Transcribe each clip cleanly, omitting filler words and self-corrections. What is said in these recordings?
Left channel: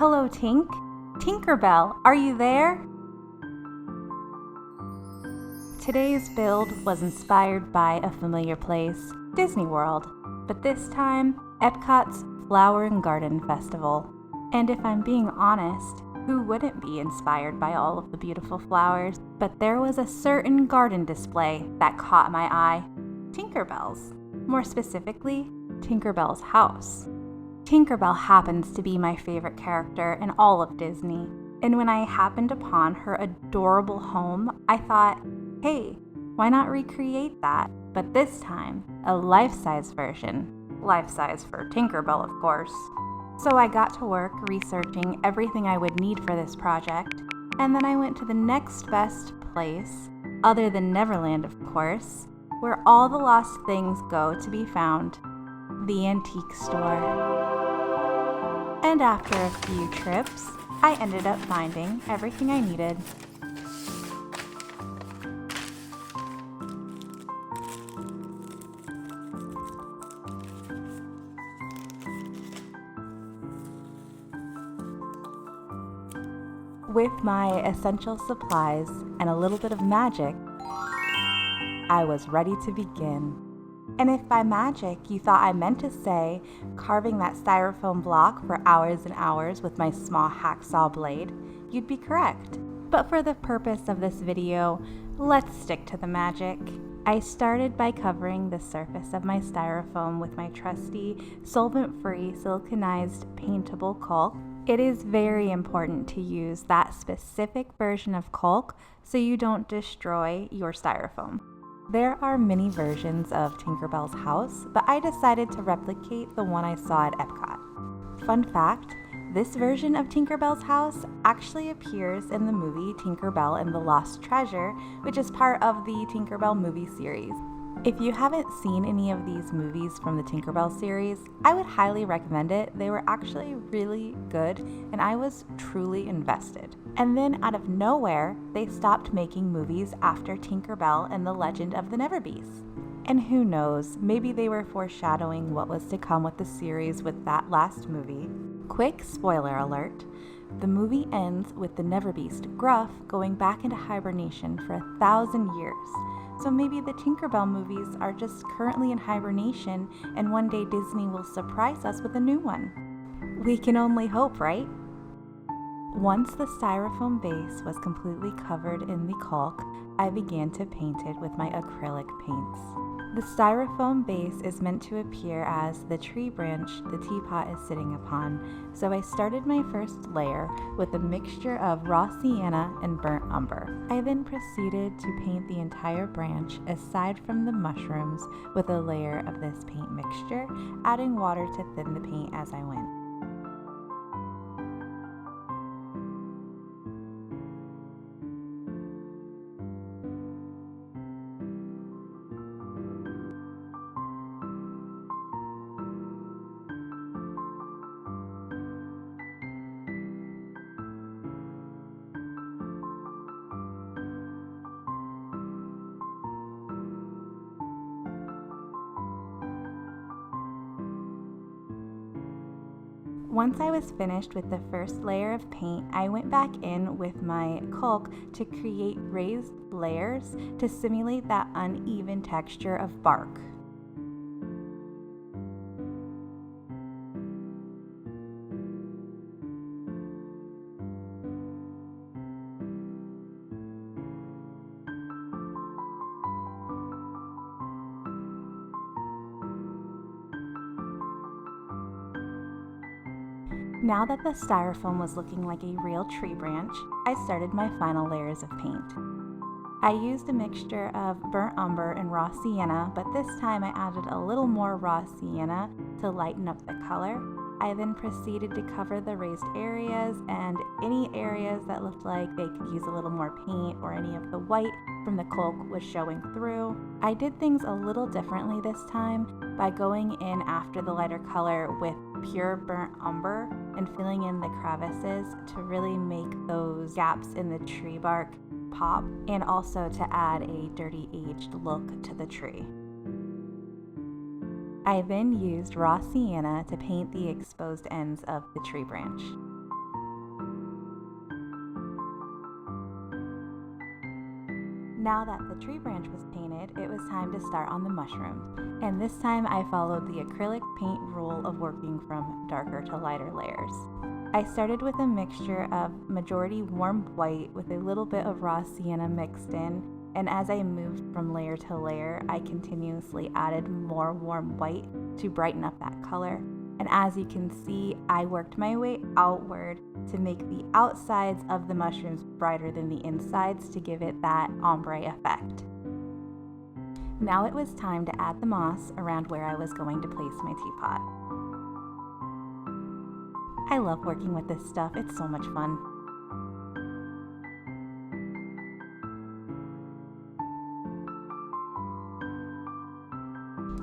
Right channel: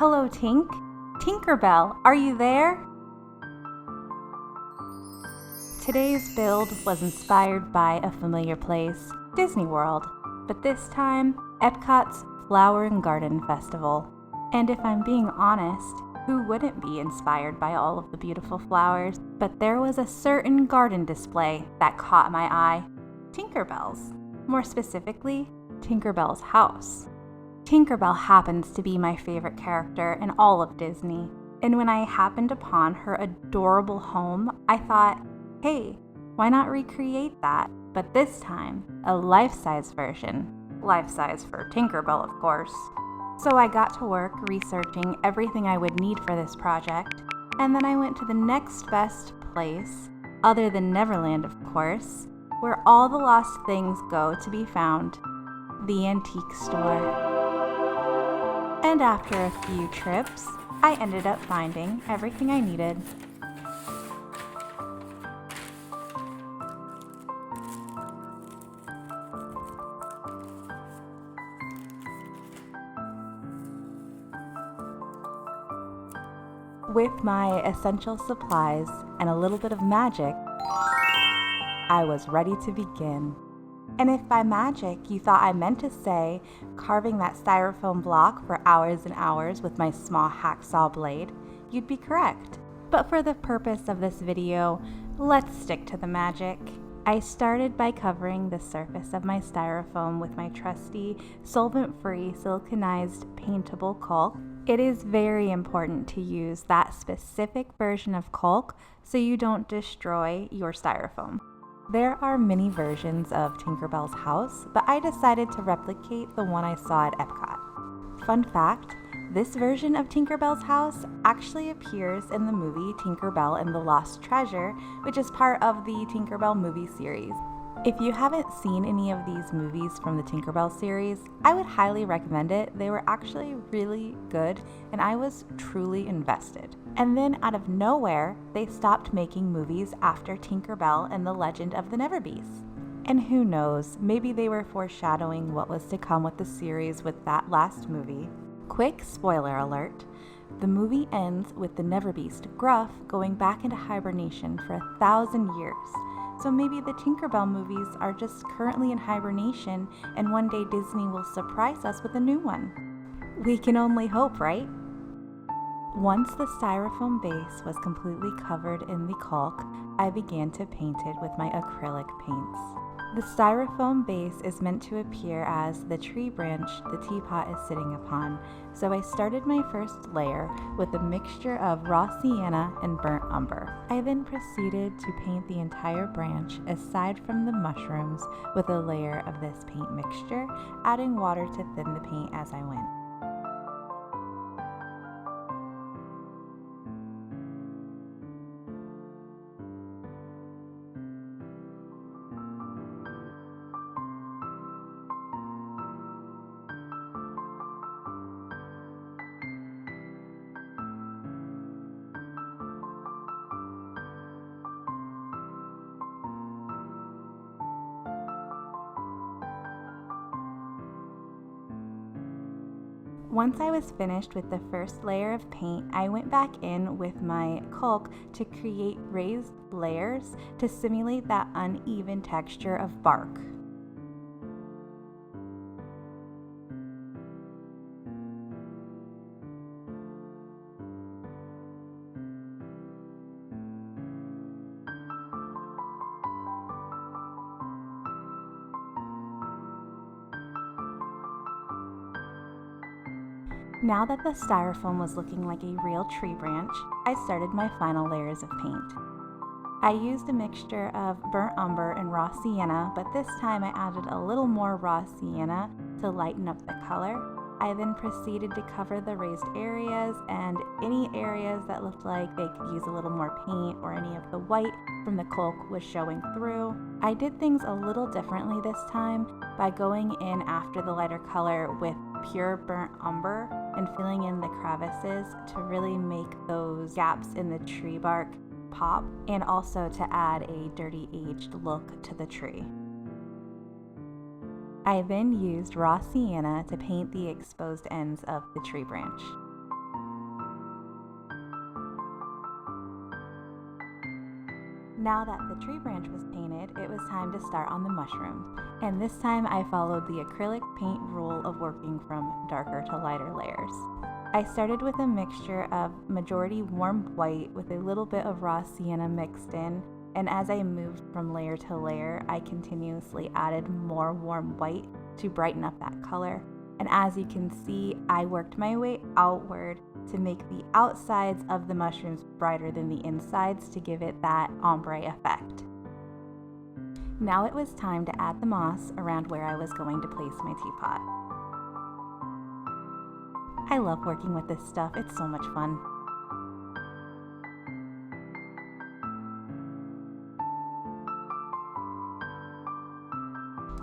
Hello, Tink. Tinkerbell, are you there? Today's build was inspired by a familiar place, Disney World, but this time, Epcot's Flower and Garden Festival. And if I'm being honest, who wouldn't be inspired by all of the beautiful flowers? But there was a certain garden display that caught my eye. Tinkerbell's. More specifically, Tinkerbell's house. Tinkerbell happens to be my favorite character in all of Disney. And when I happened upon her adorable home, I thought, hey, why not recreate that? But this time, a life-size version. Life-size for Tinkerbell, of course. So I got to work researching everything I would need for this project, and then I went to the next best place, other than Neverland, of course, where all the lost things go to be found, the antique store. And after a few trips, I ended up finding everything I needed. With my essential supplies and a little bit of magic, I was ready to begin. And if by magic you thought I meant to say carving that styrofoam block for hours and hours with my small hacksaw blade, you'd be correct. But for the purpose of this video, let's stick to the magic. I started by covering the surface of my styrofoam with my trusty solvent-free siliconized paintable caulk. It is very important to use that specific version of caulk so you don't destroy your styrofoam. There are many versions of Tinkerbell's house, but I decided to replicate the one I saw at Epcot. Fun fact, this version of Tinkerbell's house actually appears in the movie Tinkerbell and the Lost Treasure, which is part of the Tinkerbell movie series. If you haven't seen any of these movies from the Tinkerbell series, I would highly recommend it. They were actually really good, and I was truly invested. And then out of nowhere, they stopped making movies after Tinkerbell and the Legend of the Neverbeast. And who knows, maybe they were foreshadowing what was to come with the series with that last movie. Quick spoiler alert, the movie ends with the Neverbeast, Gruff, going back into hibernation for 1,000 years. So maybe the Tinkerbell movies are just currently in hibernation, and one day Disney will surprise us with a new one. We can only hope, right? Once the styrofoam base was completely covered in the caulk, I began to paint it with my acrylic paints. The styrofoam base is meant to appear as the tree branch the teapot is sitting upon, so I started my first layer with a mixture of raw sienna and burnt umber. I then proceeded to paint the entire branch aside from the mushrooms with a layer of this paint mixture, adding water to thin the paint as I went. Once I was finished with the first layer of paint, I went back in with my caulk to create raised layers to simulate that uneven texture of bark. Now that the styrofoam was looking like a real tree branch, I started my final layers of paint. I used a mixture of burnt umber and raw sienna, but this time I added a little more raw sienna to lighten up the color. I then proceeded to cover the raised areas, and any areas that looked like they could use a little more paint or any of the white from the caulk was showing through. I did things a little differently this time by going in after the lighter color with pure burnt umber and filling in the crevices to really make those gaps in the tree bark pop, and also to add a dirty aged look to the tree. I then used raw sienna to paint the exposed ends of the tree branch. Now that the tree branch was painted, it was time to start on the mushrooms. And this time I followed the acrylic paint rule of working from darker to lighter layers. I started with a mixture of majority warm white with a little bit of raw sienna mixed in, and as I moved from layer to layer, I continuously added more warm white to brighten up that color. And as you can see, I worked my way outward to make the outsides of the mushrooms brighter than the insides to give it that ombre effect. Now it was time to add the moss around where I was going to place my teapot. I love working with this stuff, it's so much fun.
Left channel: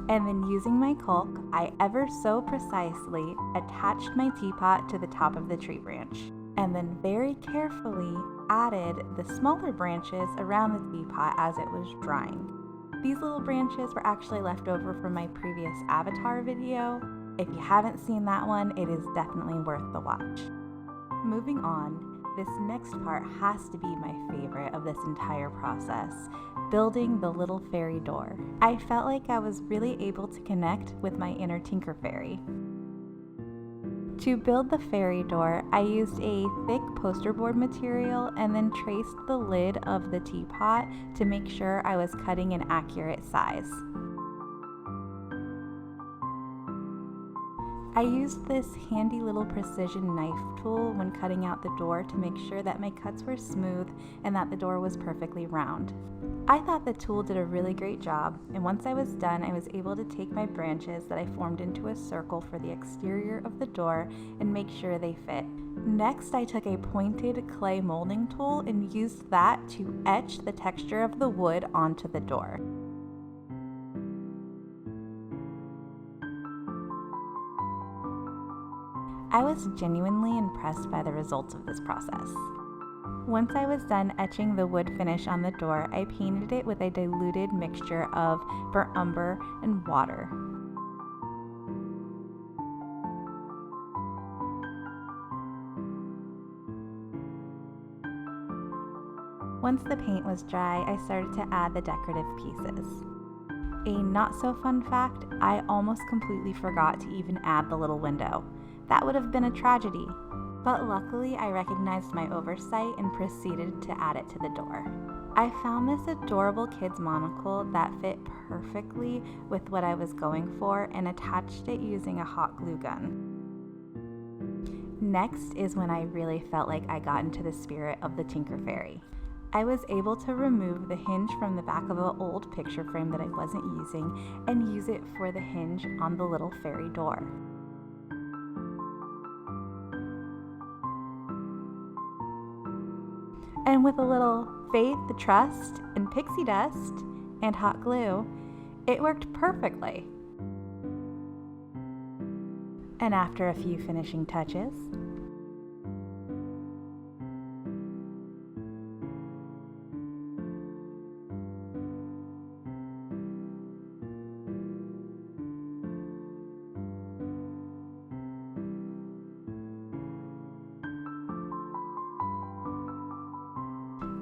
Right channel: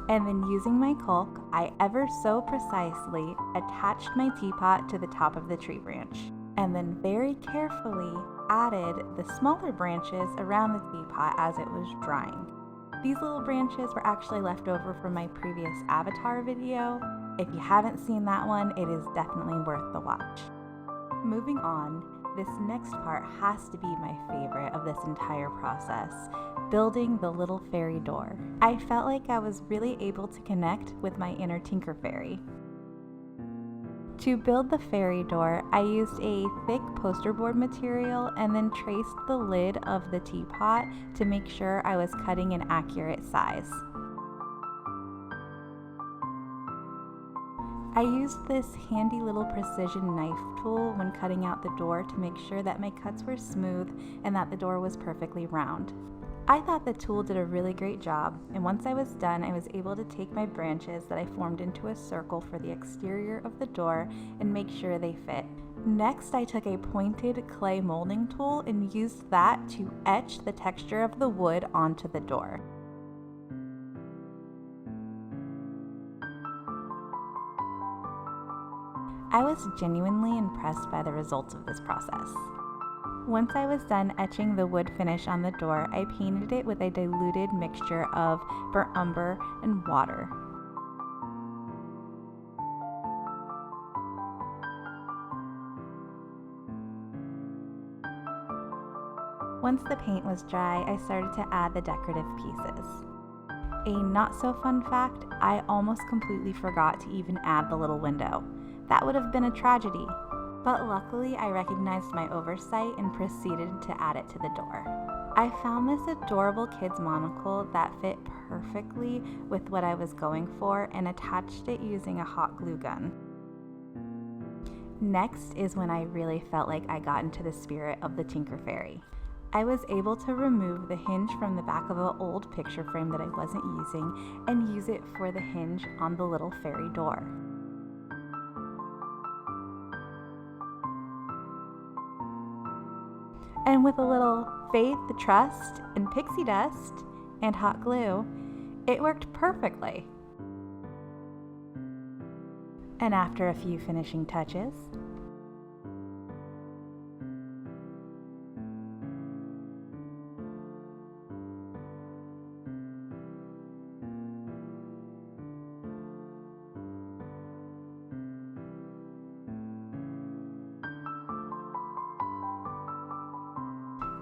And then using my caulk, I ever so precisely attached my teapot to the top of the tree branch, and then very carefully added the smaller branches around the teapot as it was drying. These little branches were actually left over from my previous Avatar video. If you haven't seen that one, it is definitely worth the watch. Moving on, this next part has to be my favorite of this entire process, building the little fairy door. I felt like I was really able to connect with my inner Tinker Fairy. To build the fairy door, I used a thick poster board material and then traced the lid of the teapot to make sure I was cutting an accurate size. I used this handy little precision knife tool when cutting out the door to make sure that my cuts were smooth and that the door was perfectly round. I thought the tool did a really great job, and once I was done, I was able to take my branches that I formed into a circle for the exterior of the door and make sure they fit. Next, I took a pointed clay molding tool and used that to etch the texture of the wood onto the door. I was genuinely impressed by the results of this process. Once I was done etching the wood finish on the door, I painted it with a diluted mixture of burnt umber and water. Once the paint was dry, I started to add the decorative pieces. A not so fun fact, I almost completely forgot to even add the little window. That would have been a tragedy. But luckily, I recognized my oversight and proceeded to add it to the door. I found this adorable kid's monocle that fit perfectly with what I was going for and attached it using a hot glue gun. Next is when I really felt like I got into the spirit of the Tinker Fairy. I was able to remove the hinge from the back of an old picture frame that I wasn't using and use it for the hinge on the little fairy door. And with a little faith, trust, and pixie dust, and hot glue, it worked perfectly. And after a few finishing touches,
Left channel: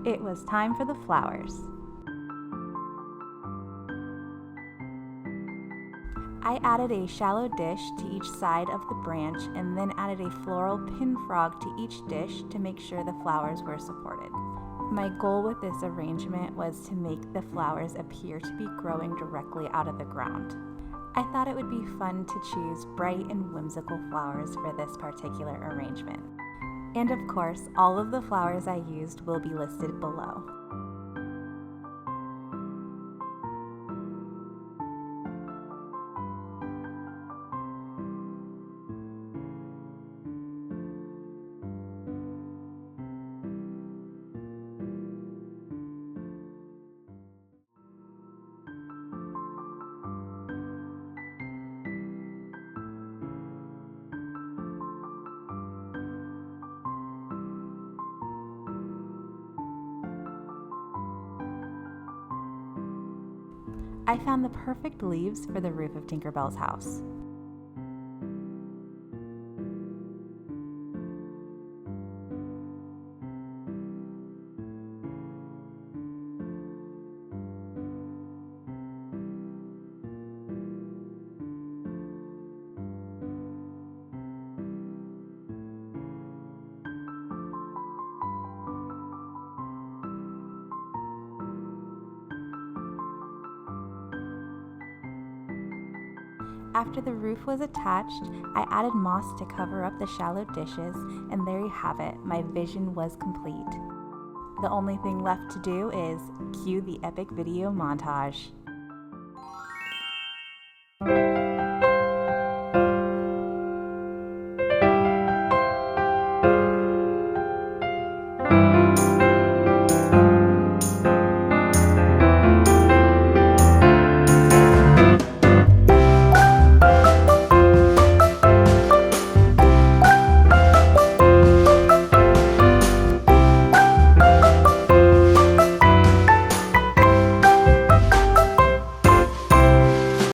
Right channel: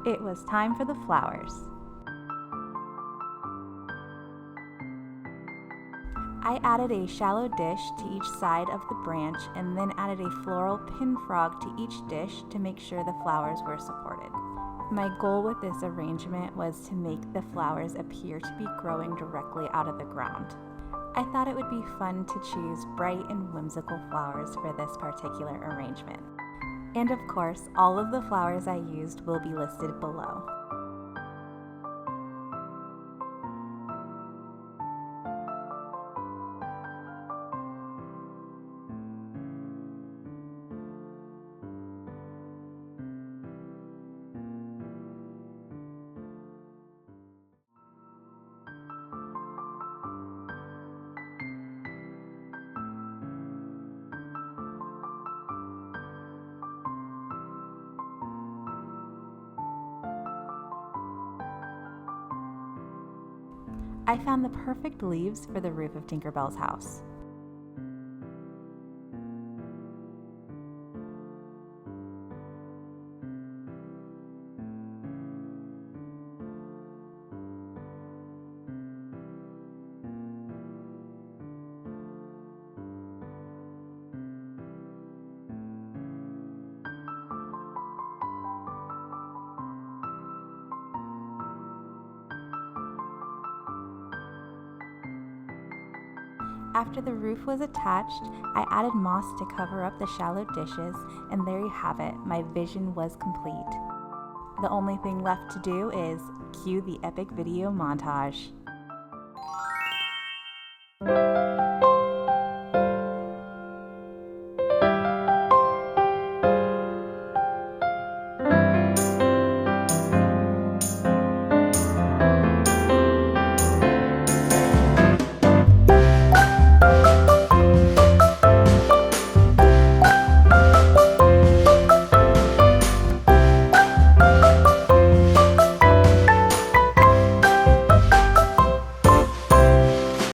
it was time for the flowers. I added a shallow dish to each side of the branch and then added a floral pin frog to each dish to make sure the flowers were supported. My goal with this arrangement was to make the flowers appear to be growing directly out of the ground. I thought it would be fun to choose bright and whimsical flowers for this particular arrangement. And of course, all of the flowers I used will be listed below. I found the perfect leaves for the roof of Tinkerbell's house. After the roof was attached, I added moss to cover up the shallow dishes, and there you have it, my vision was complete. The only thing left to do is cue the epic video montage.